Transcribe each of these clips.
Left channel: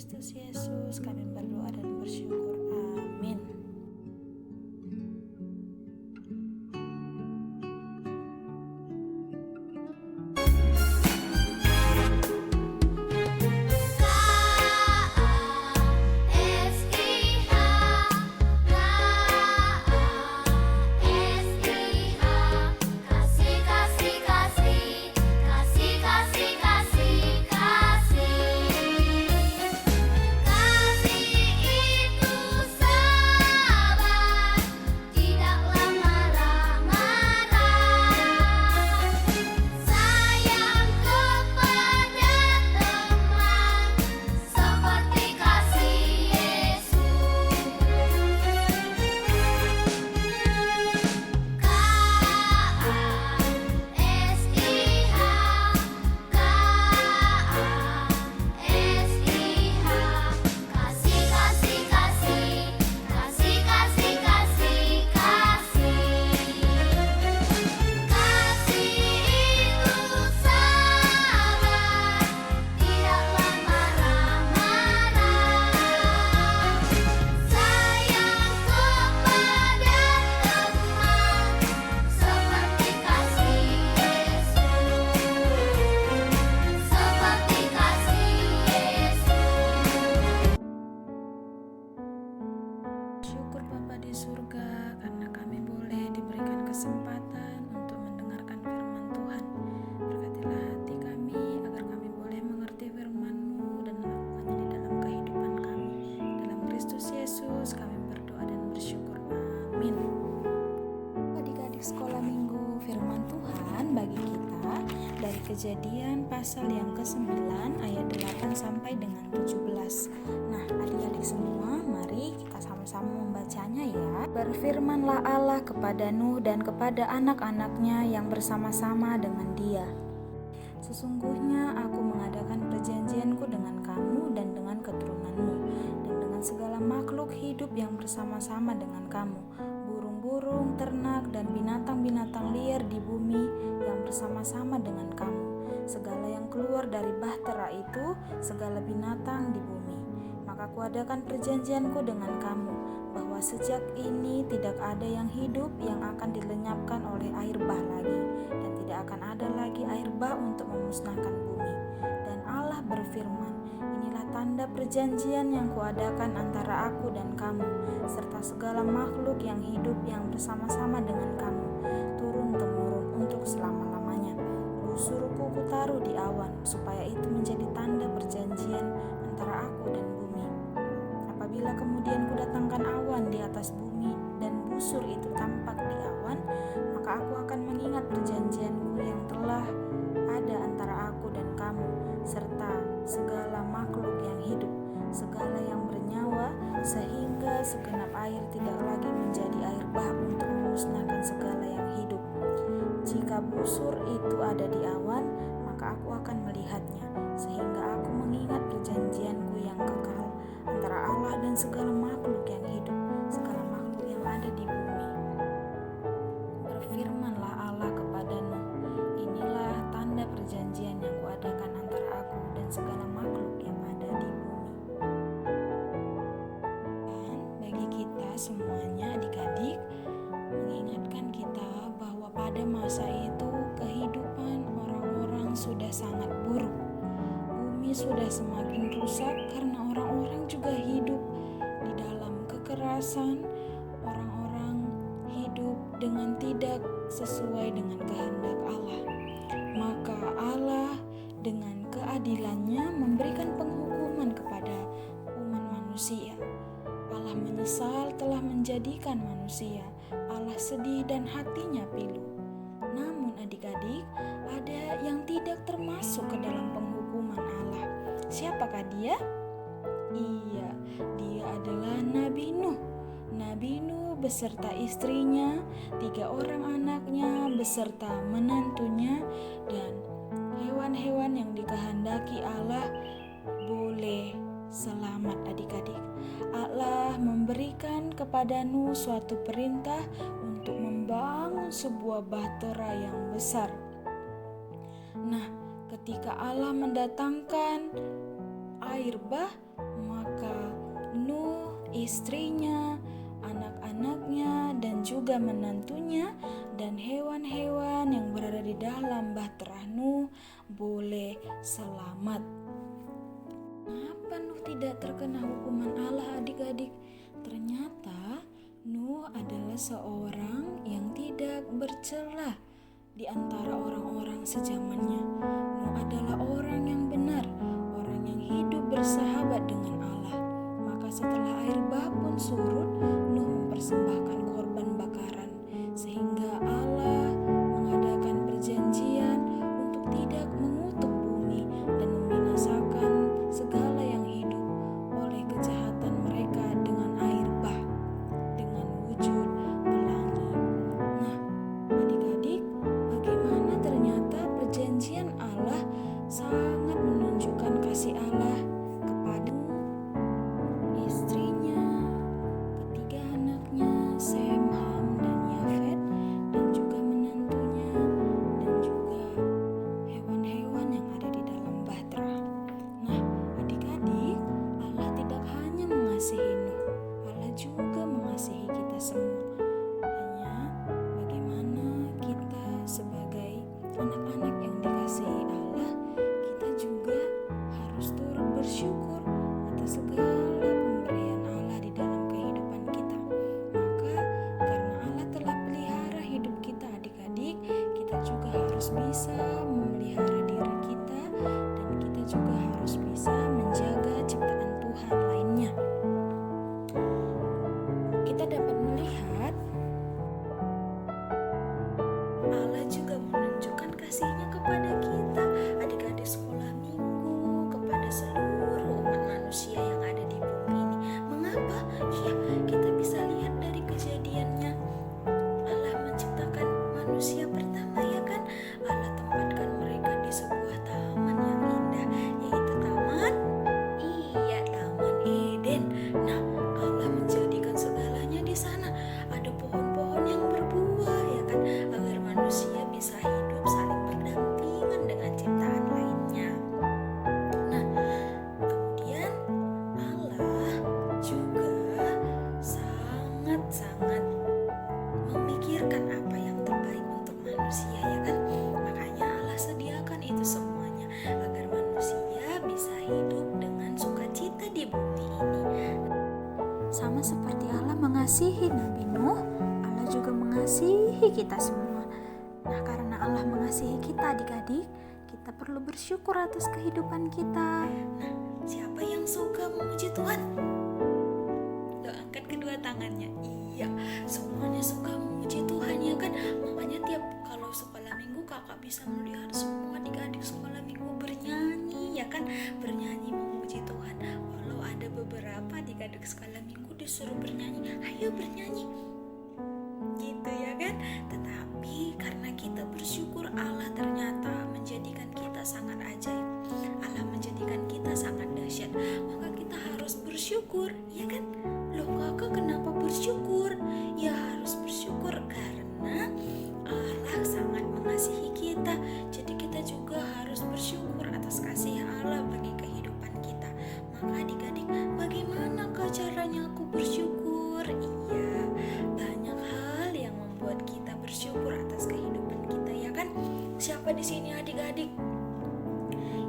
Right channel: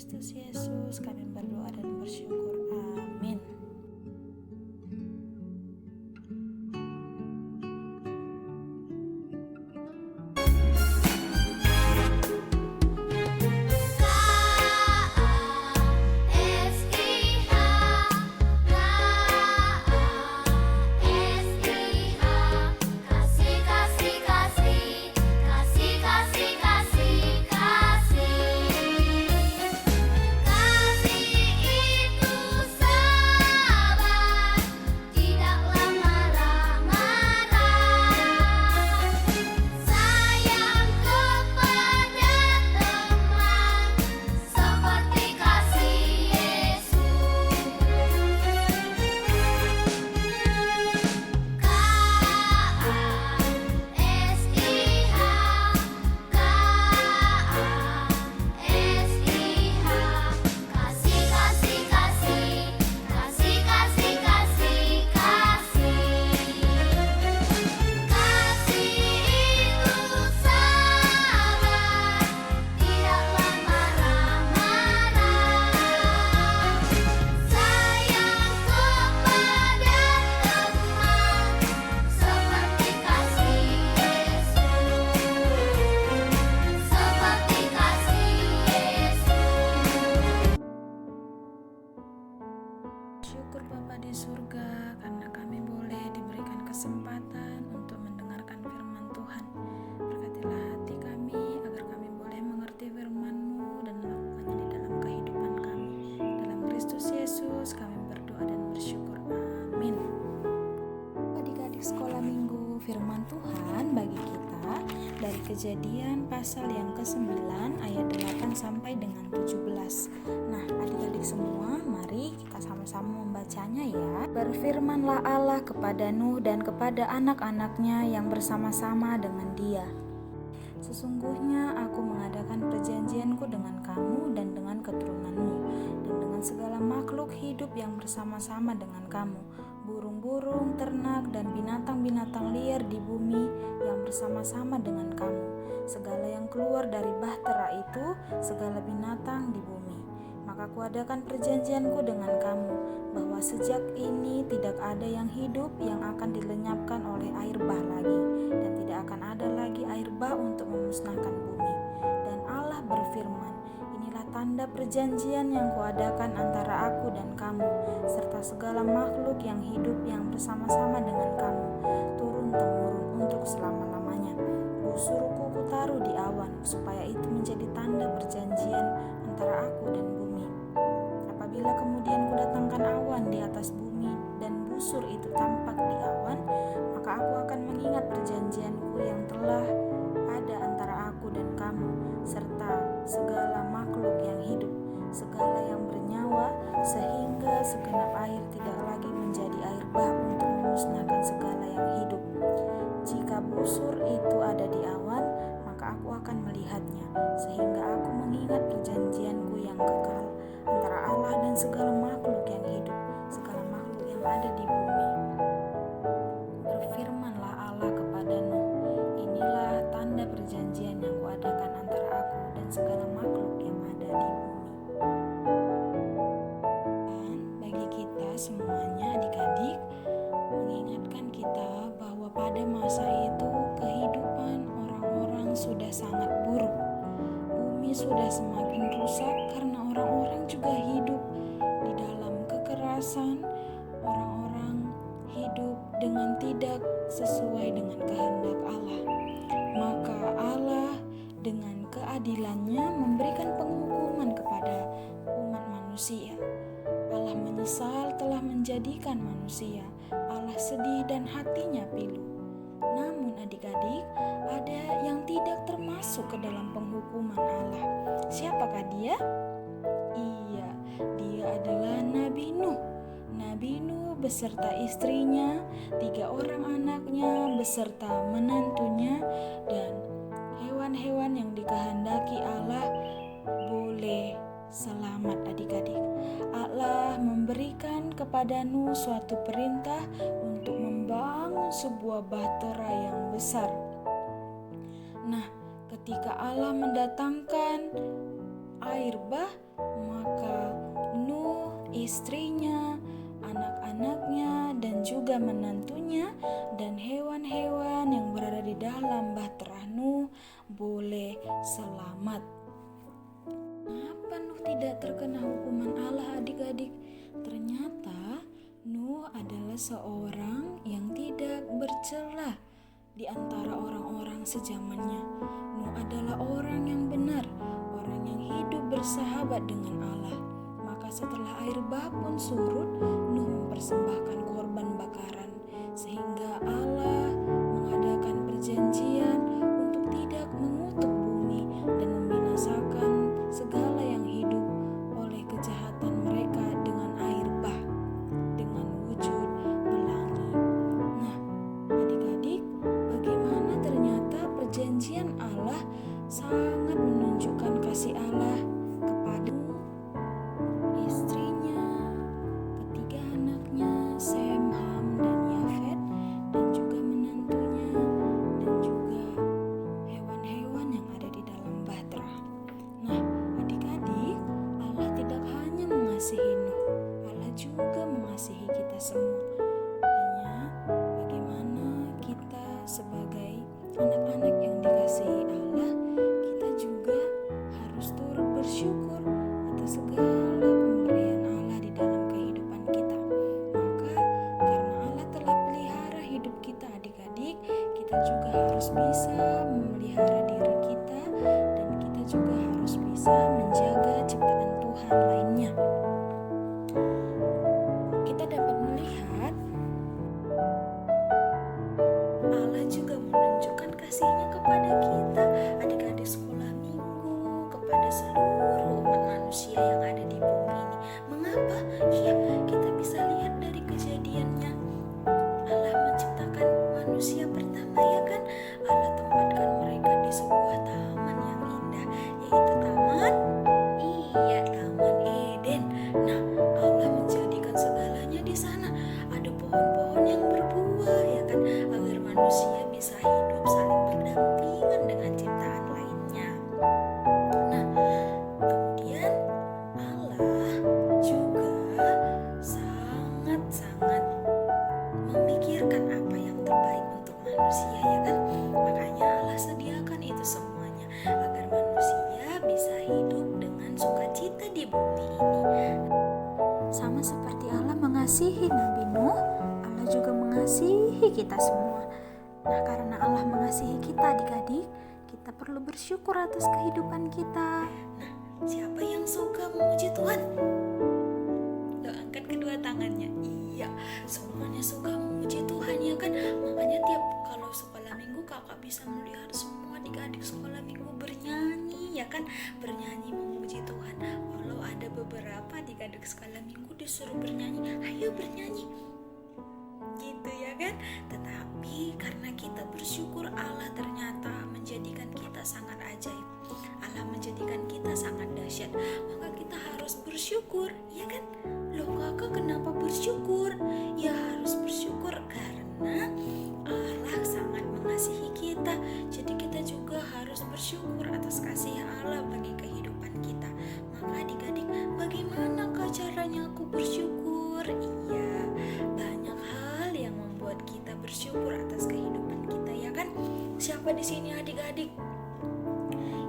Kristus Yesus kami berdoa dan bersyukur. Amin. Syukur Bapa di surga karena kami boleh diberikan kesempatan untuk mendengarkan firman Tuhan. Berkatilah hati kami agar kami boleh mengerti firman-Mu dan melakukannya di dalam kehidupan kami. Dalam Kristus Yesus kami berdoa dan bersyukur. Amin. Adik-adik sekolah minggu, firman Tuhan bagi kita dari Kejadian pasal yang ke-9 ayat 8 sampai dengan 17. Nah, adik-adik semua, mari kita sama-sama membacanya ya. Berfirmanlah Allah kepada Nuh dan kepada anak-anaknya yang bersama-sama dengan dia. Sesungguhnya aku mengadakan perjanjianku dengan kamu dan dengan keturunanmu, dan dengan segala makhluk hidup yang bersama-sama dengan kamu, burung-burung, ternak, dan binatang-binatang liar di bumi yang bersama-sama dengan kamu, segala yang keluar dari bahtera itu, segala binatang di bumi. Maka kuadakan perjanjianku dengan kamu, bahwa sejak ini tidak ada yang hidup yang akan dilenyapkan oleh air bah lagi, dan tidak akan ada lagi air bah untuk memusnahkan bumi. Dan Allah berfirman, inilah tanda perjanjian yang kuadakan antara aku dan kamu, serta segala makhluk yang hidup yang bersama-sama dengan kamu, turun-temurun untuk selama-lamanya. Busurku kutaruh di awan, supaya itu menjadi tanda perjanjian antara aku dan bumi. Apabila kemudian kudatangkan awan di atas bumi, dan busur itu tampak di awan, maka aku akan mengingat perjanjianku yang telah ada antara aku dan kamu, serta segala makhluk yang hidup, segala yang bernyawa, sehingga segenap air tidak lagi menjadi air bah untuk memusnahkan segala yang hidup. Jika busur itu ada di awan, maka aku akan melihatnya, sehingga aku mengingat perjanjianku yang kekal antara Allah dan segala makhluk yang hidup, segala makhluk yang ada di bumi. Berfirmanlah Allah kepada Nuh, inilah tanda perjanjian yang kuadakan antara aku dan segala makhluk yang ada di bumi. Dan bagi kita semuanya adik-adik, mengingatkan kita bahwa pada masa itu kehidupan orang-orang sudah sangat buruk. Bumi sudah semakin rusak karena orang-orang juga hidup di dalam kekerasan. Orang-orang hidup dengan tidak sesuai dengan kehendak Allah. Maka Allah dengan keadilannya memberikan penghukuman kepada umat manusia. Allah menyesal telah menjadikan manusia. Allah sedih dan hatinya pilu. Namun adik-adik, ada yang tidak termasuk ke dalam penghukuman Allah. Siapakah dia? Iya, dia adalah Nabi Nuh. Nabi Nuh beserta istrinya, 3 orang anaknya beserta menantunya, dan hewan-hewan yang dikehendaki Allah boleh selamat adik-adik. Allah memberikan kepada Nuh suatu perintah untuk membangun sebuah bahtera yang besar. Nah, ketika Allah mendatangkan air bah, Maka Nuh, istrinya, anak-anaknya, dan juga menantunya dan hewan-hewan yang berada di dalam bahtera Nuh boleh selamat. Kenapa Nuh tidak terkena hukuman Allah, adik-adik? Ternyata Nuh adalah seorang yang tidak bercela di antara orang-orang sezamannya. Nuh adalah orang yang benar, orang yang hidup bersahabat dengan Allah. Maka setelah air bah pun surut, Nuh mempersembahkan korban bakaran, sehingga Allah mengadakan perjanjian untuk tidak mengutuk bumi dan membinasakan segala yang hidup oleh kejahatan mereka dengan air bah, dengan wujud pelangi. Nah, adik-adik, bagaimana ternyata perjanjian Allah sangat menunjukkan kasih Allah kepada istrinya, ketiga anaknya Sem, Ham, dan Yafet, dan juga menantunya, dan juga hewan-hewan yang ada di dalam bahtera. Nah, adik-adik, Allah tidak hanya mengasihi Nuh, Allah juga mengasihi kita semua. Hanya bagaimana kita sebagai anak-anak yang dikasihi Allah, kita juga harus turut bersyukur atas segala pemberian Allah di dalam kehidupan kita. Maka karena Allah telah pelihara hidup kita, adik-adik, kita juga harus bisa memelihara diri kita, dan kita juga harus bisa menjaga ciptaan Tuhan lainnya. Kita dapat melihat Allah juga menunjukkan kasih-Nya kepada kita, adik-adik sekolah minggu, kepada seluruh umat manusia yang ada di bumi ini. Mengapa? Iya, kita bisa lihat dari kejadiannya. Allah menciptakan manusia pertama, ya kan? Allah tempatkan mereka di sebuah taman yang indah, yaitu Taman Eden. Nah, Allah menjadikan segalanya di sana. Ada pohon-pohon yang berbuah, ya kan? Agar manusia bisa hidup saling berdampingan dengan ciptaan lainnya. Nah, kemudian Allah juga sangat-sangat memikirkan apa yang terbaik untuk manusia, ya kan? Makanya Allah sediakan itu semuanya agar manusia bisa hidup dengan sukacita di bumi ini. Sama seperti Allah mengasihi Nabi Nuh, Allah juga mengasihi kita semua. Nah, karena Allah mengasihi kita, adik-adik, kita perlu bersyukur atas kehidupan kita. Nah, siapa yang suka memuji Tuhan? Lo angkat kedua tangannya. Iya, semuanya suka memuji Tuhan, ya kan? Makanya tiap kalau sekolah minggu kakak bisa melihat semua adik-adik sekolah minggu bernyanyi, ya kan? Bernyanyi memuji Tuhan. Walau ada beberapa adik-adik sekolah minggu disuruh bernyanyi, ayo bernyanyi, gitu ya kan? Tetapi karena kita bersyukur, Allah ternyata menjadikan kita sangat ajaib. Allah menjadikan kita sangat dahsyat. Maka kita harus bersyukur, ya kan? Loh kakak, kenapa bersyukur? Ya harus bersyukur karena Allah sangat mengasihi kita. Jadi kita juga harus bersyukur atas kasih Allah bagi kehidupan kita. Maka adik-adik, bagaimanakah caranya aku bersyukur? Iya, banyak hal yang membuat kita bersyukur atas kehidupan kita, ya kan? Siapa di sini adik-adik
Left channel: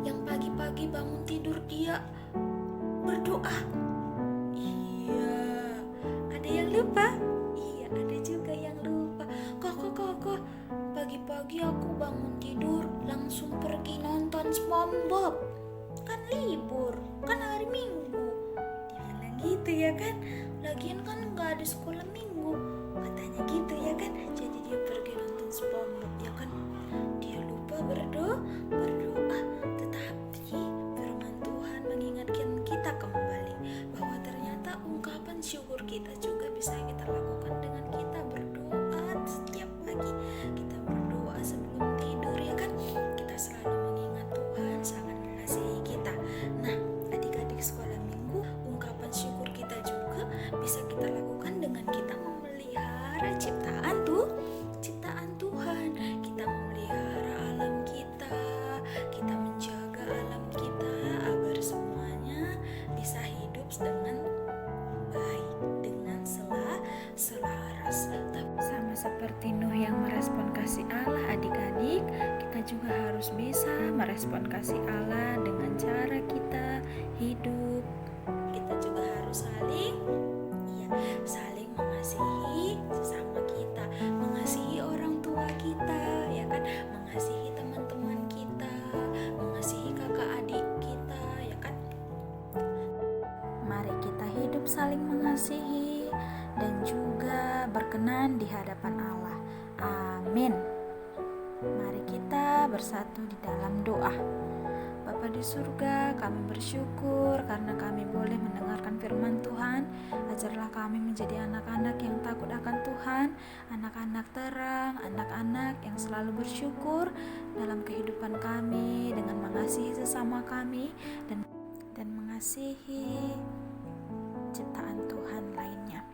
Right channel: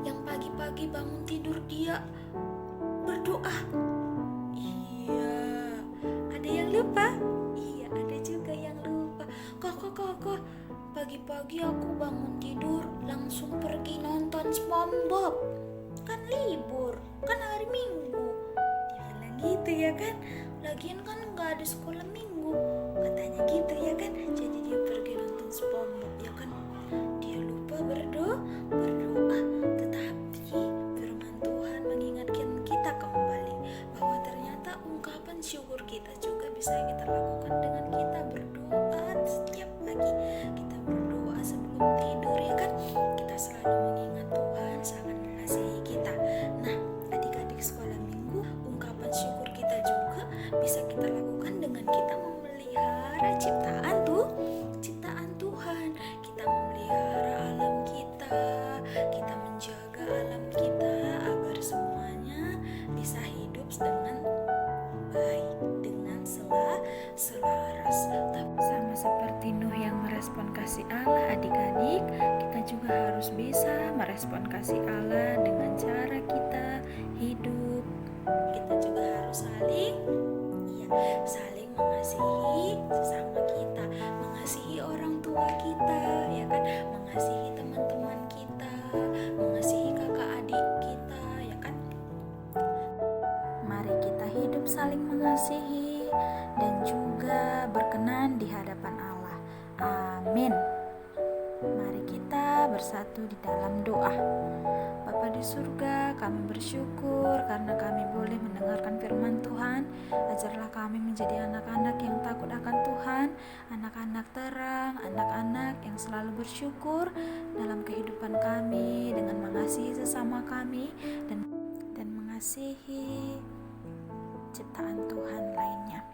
yang pagi-pagi bangun tidur dia berdoa? Iya, ada yang lupa? Iya, ada juga yang lupa. Kakak, pagi-pagi aku bangun tidur langsung pergi nonton SpongeBob. Kan libur, kan hari Minggu. Dia bilang gitu, ya kan? Lagian kan gak ada sekolah minggu, katanya gitu, ya kan? Jadi dia pergi nonton SpongeBob, ya kan? Dia lupa berdoa. Tetapi firman Tuhan mengingatkan kita kembali bahwa ternyata ungkapan syukur kita juga bisa kita lakukan dengan kita berdoa setiap pagi. Kita berdoa sebelum tidur, ya kan? Kita selalu mengingat Tuhan sangat mengasihi kita. Nah, adik-adik sekolah minggu, ungkapan syukur kita juga bisa kita lakukan dengan kita memelihara ciptaan Tuhan. Kita memelihara alam kita menjaga alam kita agar semuanya bisa harus dengan baik, dengan selaras. Sama seperti Nuh yang merespon kasih Allah adik-adik, kita juga harus bisa merespon kasih Allah dengan cara kita hidup. Kita juga harus saling mengasihi sesama kita, mengasihi orang tua kita, ya kan, mengasihi teman-teman kita, mengasihi kakak adik kita, ya kan. Mari kita hidup saling mengasihi dan juga berkenan di hadapan Allah. Amin. Mari kita bersatu di dalam doa. Bapa di surga, kami bersyukur karena kami boleh mendengarkan firman Tuhan. Ajarlah kami menjadi anak-anak yang takut akan Tuhan, anak-anak terang, anak-anak yang selalu bersyukur dalam kehidupan kami dengan mengasihi sesama kami dan mengasihi ciptaan Tuhan lainnya.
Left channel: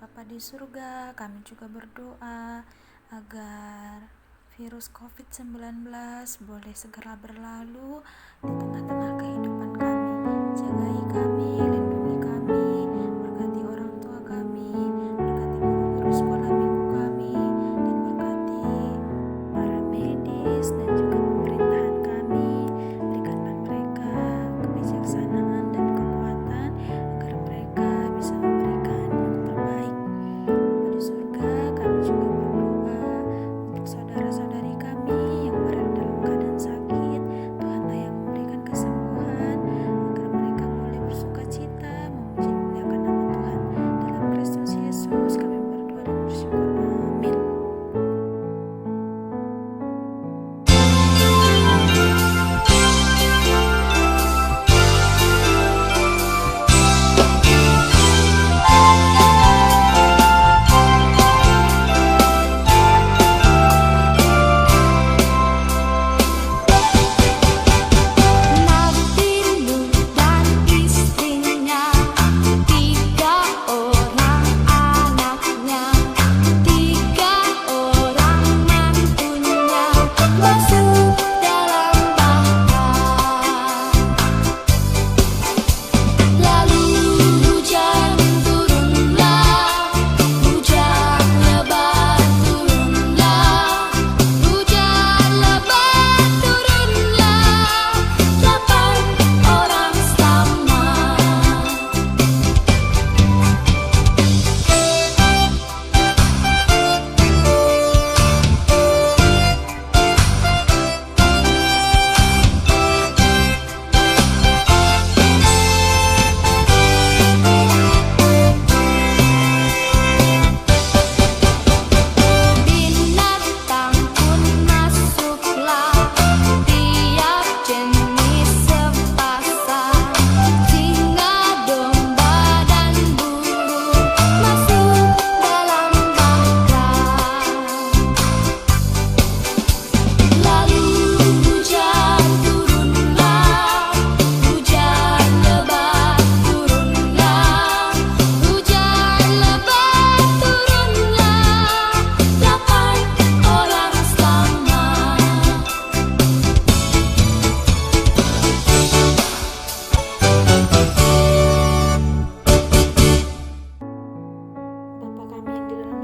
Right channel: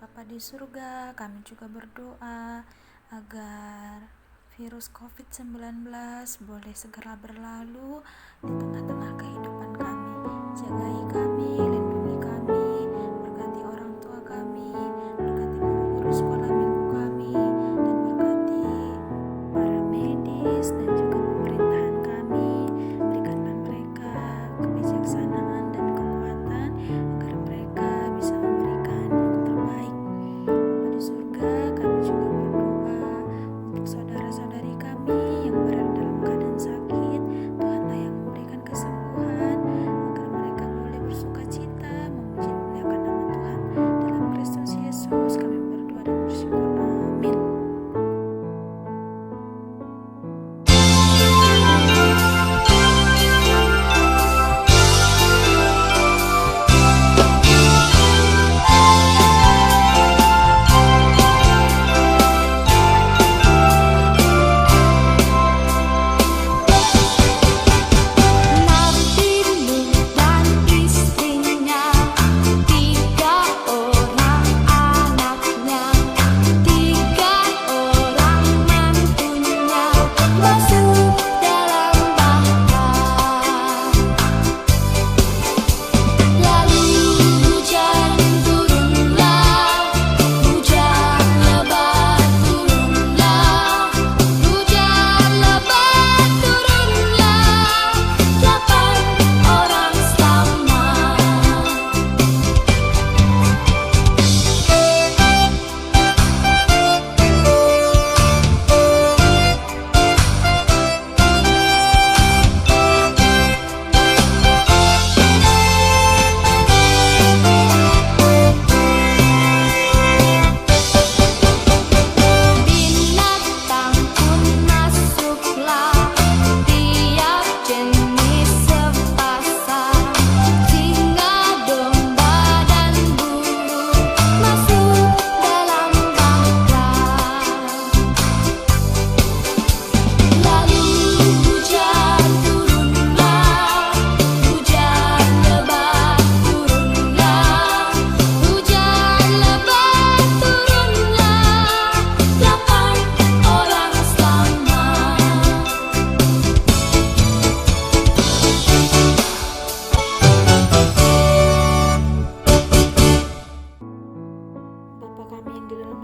Bapa di surga, kami juga berdoa agar virus COVID-19 boleh segera berlalu di tengah-tengah kehidupan kami. Jagai kami, lindungi kami, berkati orang tua kami, berkati guru-guru sekolah minggu kami, dan berkati para medis dan juga pemerintahan kami. Berikanlah mereka kebijaksanaan dan kekuatan agar mereka bisa memberikan yang terbaik. Bapa di surga, kami juga berdoa untuk saudara-saudari kami yang berada dalam keadaan sakit. Tuhanlah yang memberikan kesembuhan agar mereka boleh bersukacita memuji memuliakan nama Tuhan. Dalam Kristus Yesus kami berdoa dan bersyukur. Amin.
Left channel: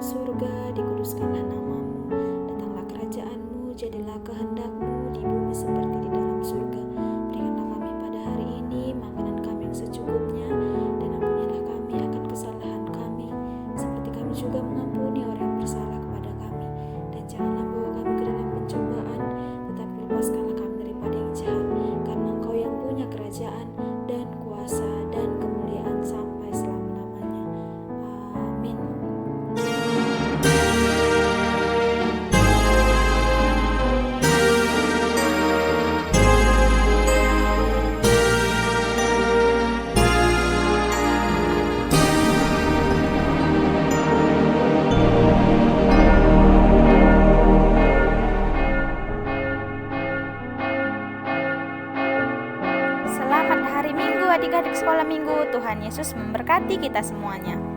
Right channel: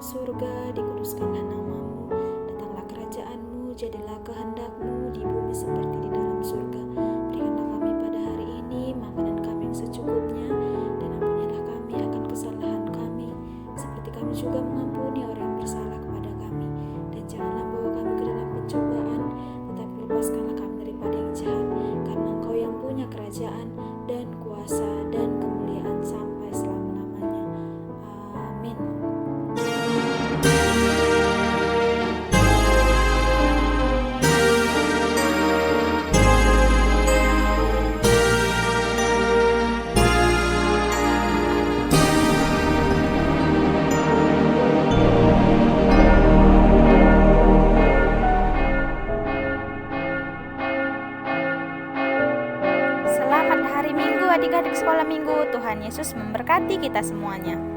surga, dikuduskanlah namamu, datanglah kerajaanmu, jadilah kehendakmu di bumi seperti di dalam surga. Berikanlah kami pada hari ini makanan kami yang secukupnya, dan ampunilah kami akan kesalahan kami, seperti kami juga mengampuni orang yang bersalah kepada kami. Dan janganlah bawa kami ke dalam pencobaan, tetapi lepaskanlah kami daripada yang jahat, karena Engkau yang punya kerajaan dan kuasa dan kemuliaan sampai selama-lamanya. Amin. Selamat hari Minggu adik-adik sekolah minggu. Tuhan Yesus memberkati kita semuanya.